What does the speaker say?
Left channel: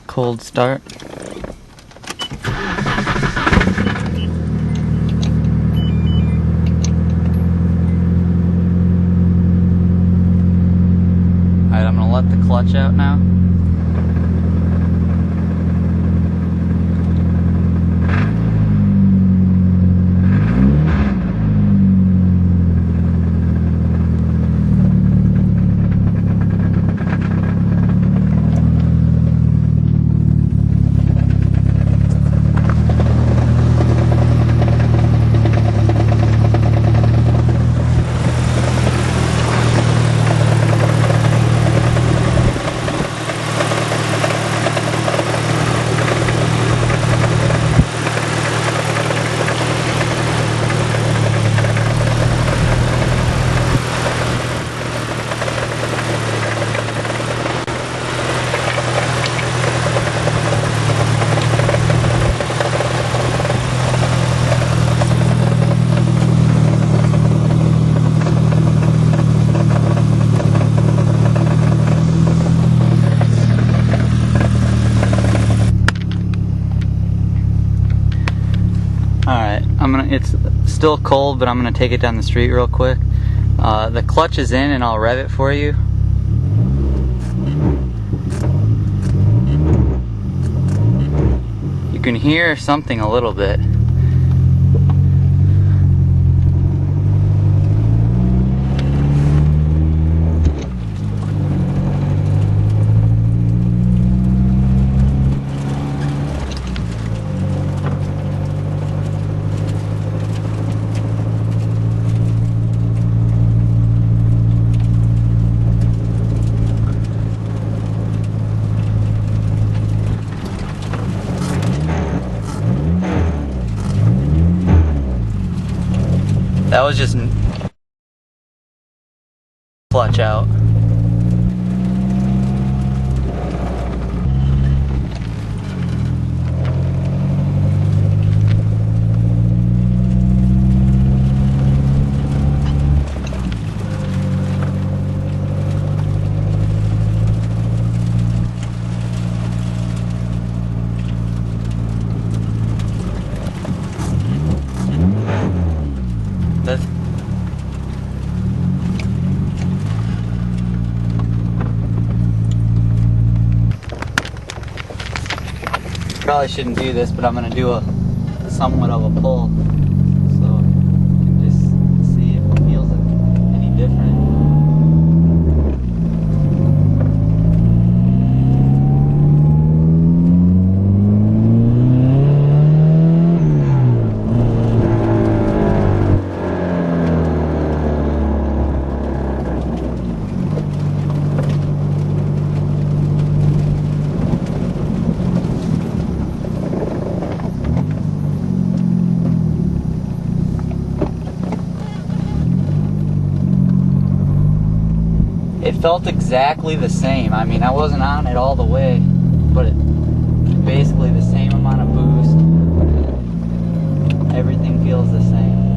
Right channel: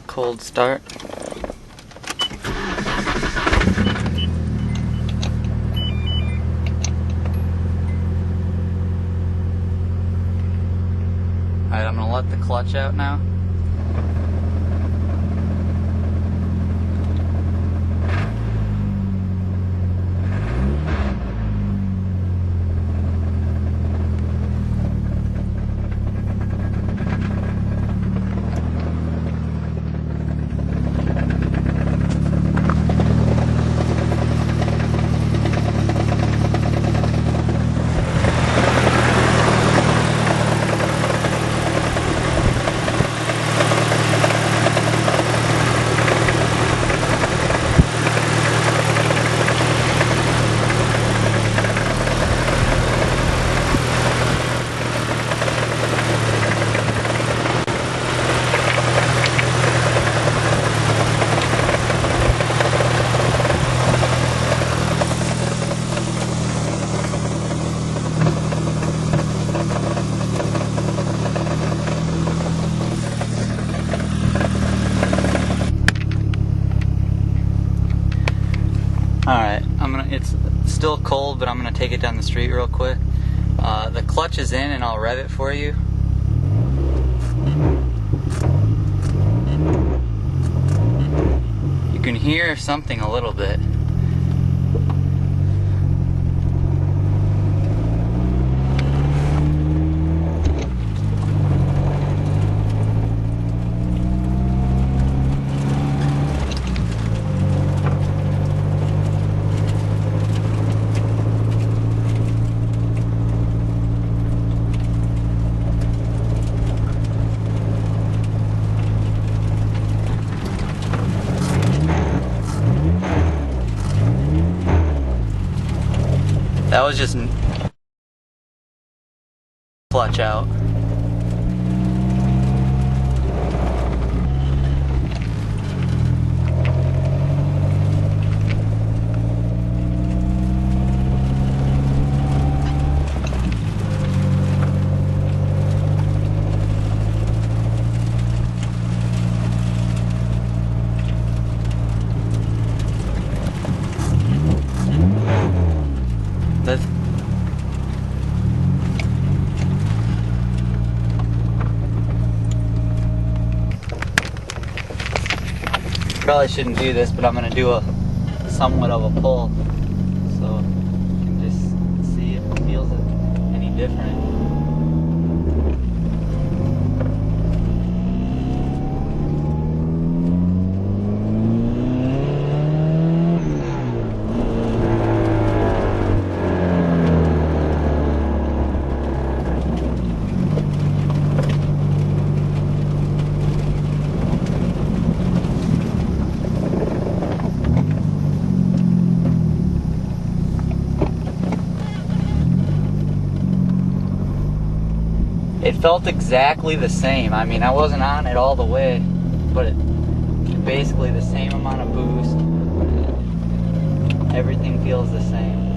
the cold start. Alright, I'm gonna let the clutch out now. Alright, it's still cold, but I'm gonna take it down the street real quick. The clutch is in and I'll rev it for you. You can hear something a little bit. That was just clutch out. That's probably shouldn't do this, but I'm gonna do a somewhat of a pull, so you can just see if it feels any different. It felt exactly the same. I mean, I wasn't on it all the way, but basically the same amount of boost. Everything feels the same.